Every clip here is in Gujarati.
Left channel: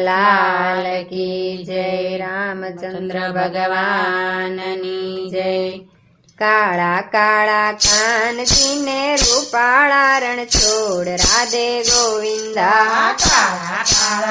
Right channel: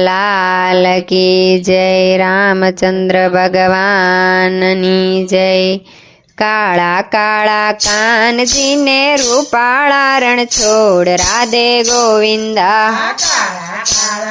લાલ કી જય રામચંદ્ર ભગવાનની જય કાળા કાળા કાનજીને રૂપાળા રણ છોડ રાધે ગોવિંદા કાળા કાળા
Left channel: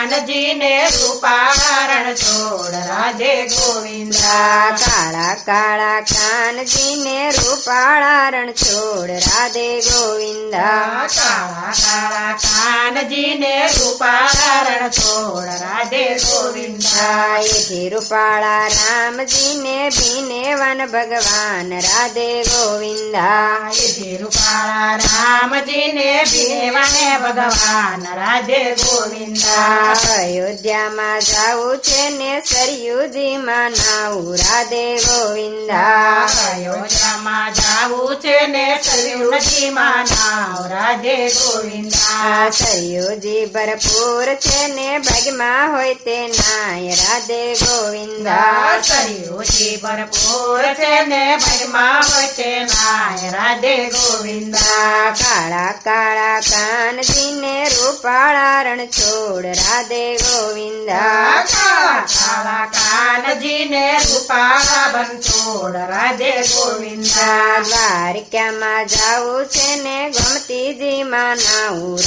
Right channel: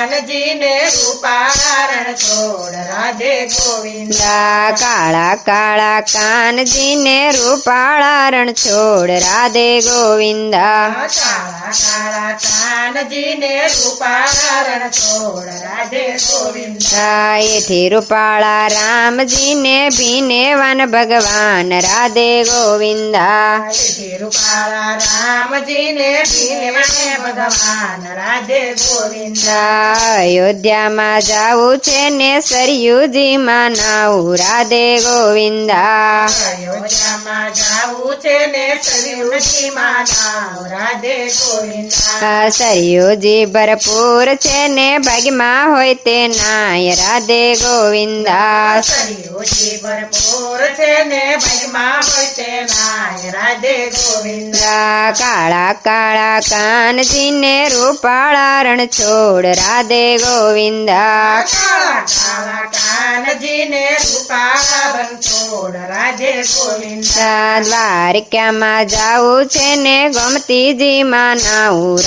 કાનજીને રૂપારણ છોડ. રાધે ગોવિંદા. કાળા કાળા કાનજીને રૂપાળા રણ છોડ. રાધે ગોવિંદા. કાળા કાળા કાનજીને રૂપારણ છોડ. રાધે ગોવિંદા. એથી રૂપાળા રામજીને ભીને વન ભગવાન. રાધે ગોવિંદા. એથી રૂપાળા રામજીને ભીવાને ભગવાન. રાધે ગોવિંદા. અયોધ્યામાં જાવું છે ને સરયુજીમાં નાવું. રાધે ગોવિંદા. અયોધ્યામાં જાવું છે ને સરયુજીમાં નાવ. રાધે ગોવિંદા. સરયુજી ભરપૂર છે ને ભાગમાં હોય તે નાય. રાધે ગોવિંદા. સરયુજી ભરપૂર છે ને ભાઈમાં હોય તે નાય. રાધે ગોવિંદા. કાળા કાળા કાનજીને રૂપાળા રણ છોડ રાધે ગોવિંદા કાળા કાળા કાનજીને રૂપાળા બંછોડ રાધે ગોવિંદા દ્વારિકામાં જાવું છે ને ગમતીજીમાં નાવું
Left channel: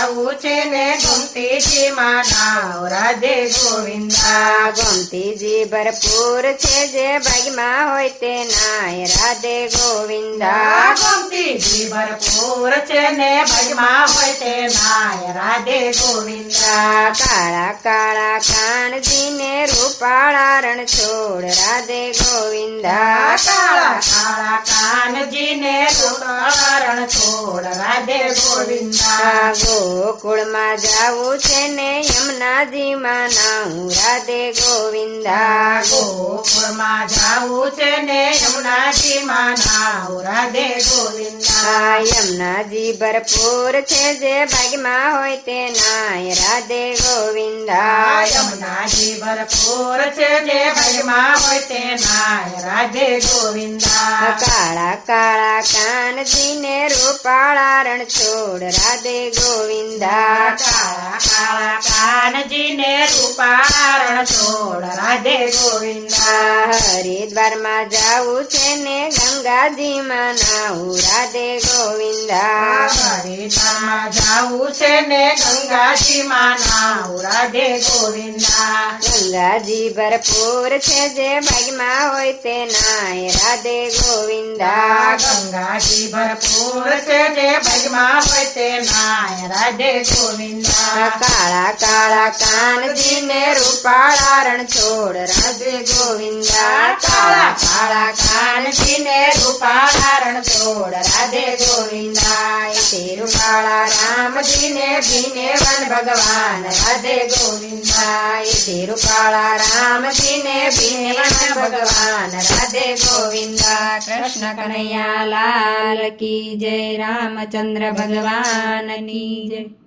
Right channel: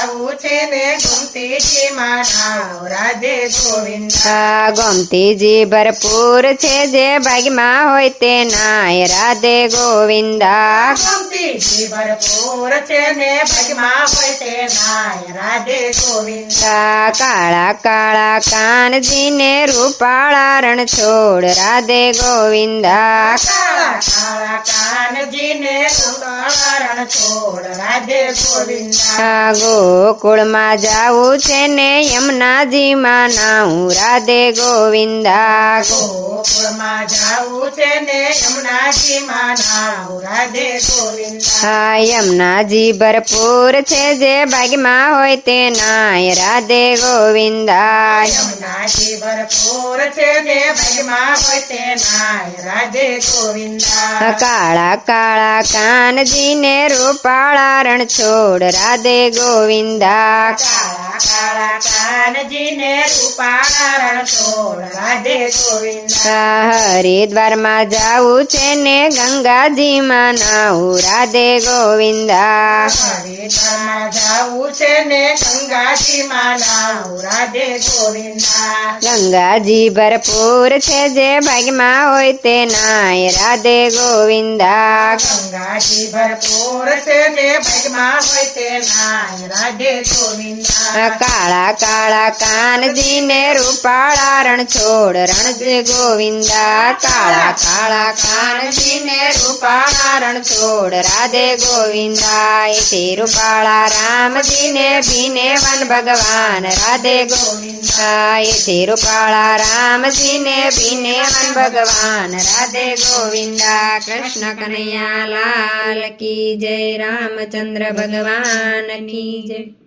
ગોવિંદા છે ને ગમતીજીમાં નાવ રાધે ગોવિંદા. ગમતીજી ભરપૂર છે જે ભાગમાં હોય તે નાય રાધે ગોવિંદા. ગમતીજી ભરપૂર છે ને ભાગમાં હોય તે નાય રાધે ગોવિંદા. કાળા કાળા કાનજીને રૂપાળા રણ છોડ રાધે ગોવિંદા. કાળા કાળા કાનજીને રૂપાળા ગોવિંદા. ગોકુળમાં જાવું છે ને યમુનાજીમાં નાવું રાધે ગોવિંદા. ગોકુળમાં જાવું છે ને યમુનાજીમાં નાવ રાધે ગોવિંદા. યમુનાજી ભરપૂર છે જે ભાગમાં હોય તે નાય રાધે ગોવિંદા. યમુનાજી ભરપૂર છે ને ભજમાં હોય તે નાય રાધે ગોવિંદા. કાળા કાળા કાનજીને રૂપાળા રણછોડ રાધે ગોવિંદા. કાળા કાનજીને રૂપારણ રાધે ગોવિંદા. હરિદ્વારમાં જાવું છે ને ગંગાજીમાં નાવું રાધે ગોવિંદા. હરિદ્વારમાં જાવું છે ને ગંગાજીમાં નાવ રાધે ગોવિંદા. ગંગાજી ભરપૂર છે જે ભાગમાં હોય તે નાય. રાધે ગોવિંદા. ગંગાજી ભરપૂર છે ને ભજમાં હોય તે નાય. રાધે ગોવિંદા. કાળા કાળા કાનજીને રૂપાળા રણ છોડ રણજે ગોવિંદા. કાળા કાળા કાનજીને રૂપાળા રણ છોડ રાધે ગોવિંદા. તે રૂપાળા રામજીને ભીને વન ભગવાન, રાધે ગોવિંદા. તે રૂપાળા રામજીને ભીને વન ભગવાન, રાધે ગોવિંદા. કૃષ્ણ કનૈયા લાલ કી જય, રામચંદ્ર ભગવાન કી જય.